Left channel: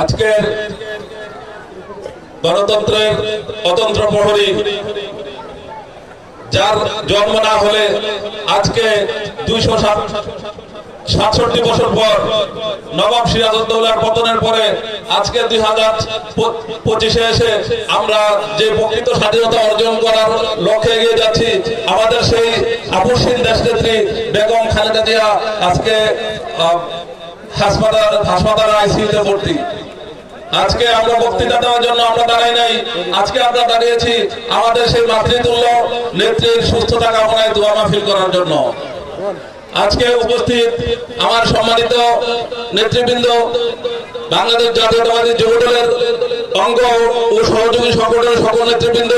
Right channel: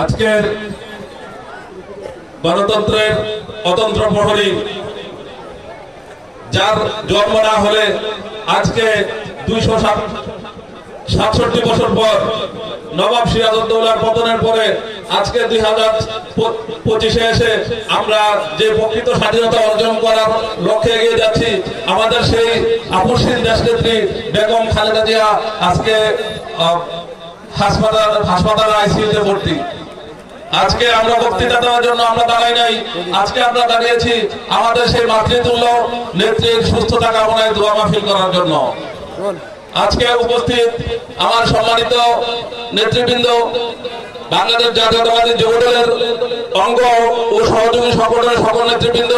আজকের গণতন্ত্রের অতন্ত্র প্রহরী যার জন্ম না হলে আজকে 267 বছর পর নবাব সিরাজউদ্দৌলার পতনের পরে আজকে 2025-এ এসে আমরা যে প্রকৃত স্বাধীনতা অর্জন করার লক্ষ্যে এগিয়ে যাচ্ছি, আমাদের সেই আপসহীন দেশনেত্রী বেগম খালেদা জিয়া আজকে হাসপাতালে আইসিইউতে ভর্তি। আজকে আমরা বক্তৃতা দেওয়ার জন্য আমরা দাঁড়াই নাই, আজকে আমরা দাঁড়িয়েছি আমাদের সেই মাতৃতুল্য নেত্রীর সুস্থতা কামনায় দোয়া মাহফিল করার জন্য। আজকে উপস্থিত আমার সম্মানিত নেতৃবৃন্দ, বাংলাদেশ জাতীয়তাবাদী যুবদলের অঙ্গ ও সহযোগী সকলের সকল নেতৃবৃন্দ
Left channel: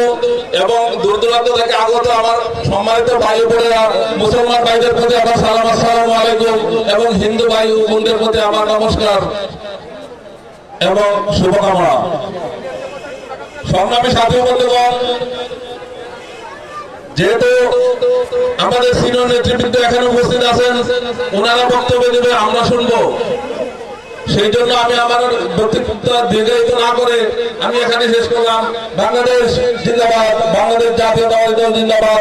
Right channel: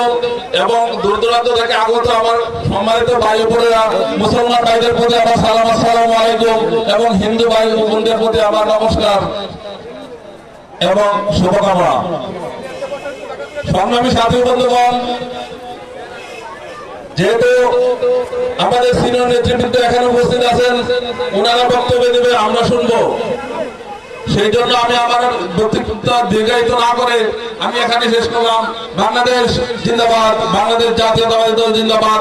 এবং দূর দূরান্ত থেকে আগত আমার সম্মানিত ভাই বোনেরা, মুসলমান ভাইদের প্রতি আমার সালাম, আসসালামু আলাইকুম, এবং হিন্দু ভাই ও বোনদের প্রতি আমার নমস্কার এবং শুভকামনা। সংগ্রামী সাথী বন্ধুগণ, যেহেতু আমাদের সিনিয়র নেতৃবৃন্দ এখানে উপস্থিত আছেন, ওনারা বক্তব্য দেবে, আমরা শুনবো। সেই জন্য আমি আমার বক্তব্য দীর্ঘায়িত না করে আমি এখানে শেষ করলাম। বাংলাদেশ জিন্দাবাদ, বাংলাদেশ জাতীয়তাবাদী দল জিন্দাবাদ।